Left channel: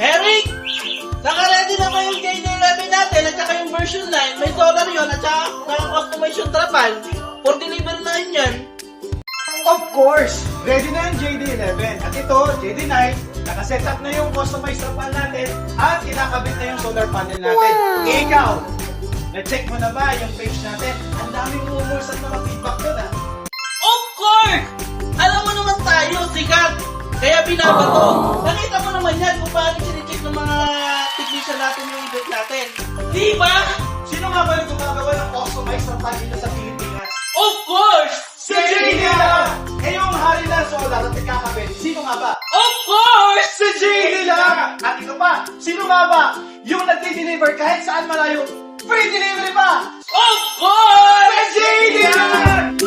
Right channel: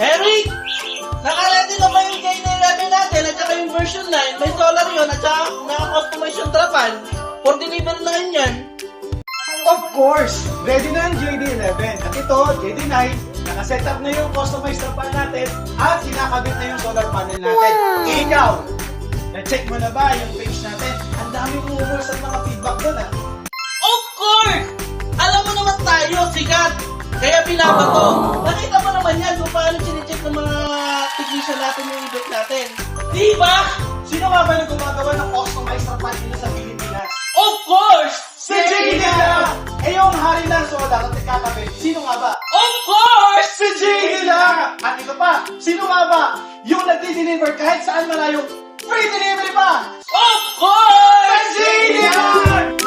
Eric! Naka-ready na ba yung JD11 natin at saka yung version 9? May solar yun at saka naka-customize yung trapan. For deliver na rin yan. Of course! Ready na ang JD11. At ito, JD9, nakaset up na yung customized trapan natin at kinakabit na yung solar panel natin. Ikaw! Na-check mo na ba yung page natin? Ang daming rumors at mga feedback doon ah. Of course! Alam mo naman tayo, sikat! Kaya binabato. Nakita mo naman yan kung paano sinicheck ng mga technician natin yung event natin. Di ba? Sino nga ba nang gumagawa ng customized trapan nila sa Pilipinas? Of course! Si JD lang! Eh yung hari ng solar at ikakabit, sino nga ba? Of course! Si JD lang! At ito pa, sino nga ba? Yung nagdi-deliver kahit saan malayo, free delivery pa! Of course! Si JD lang!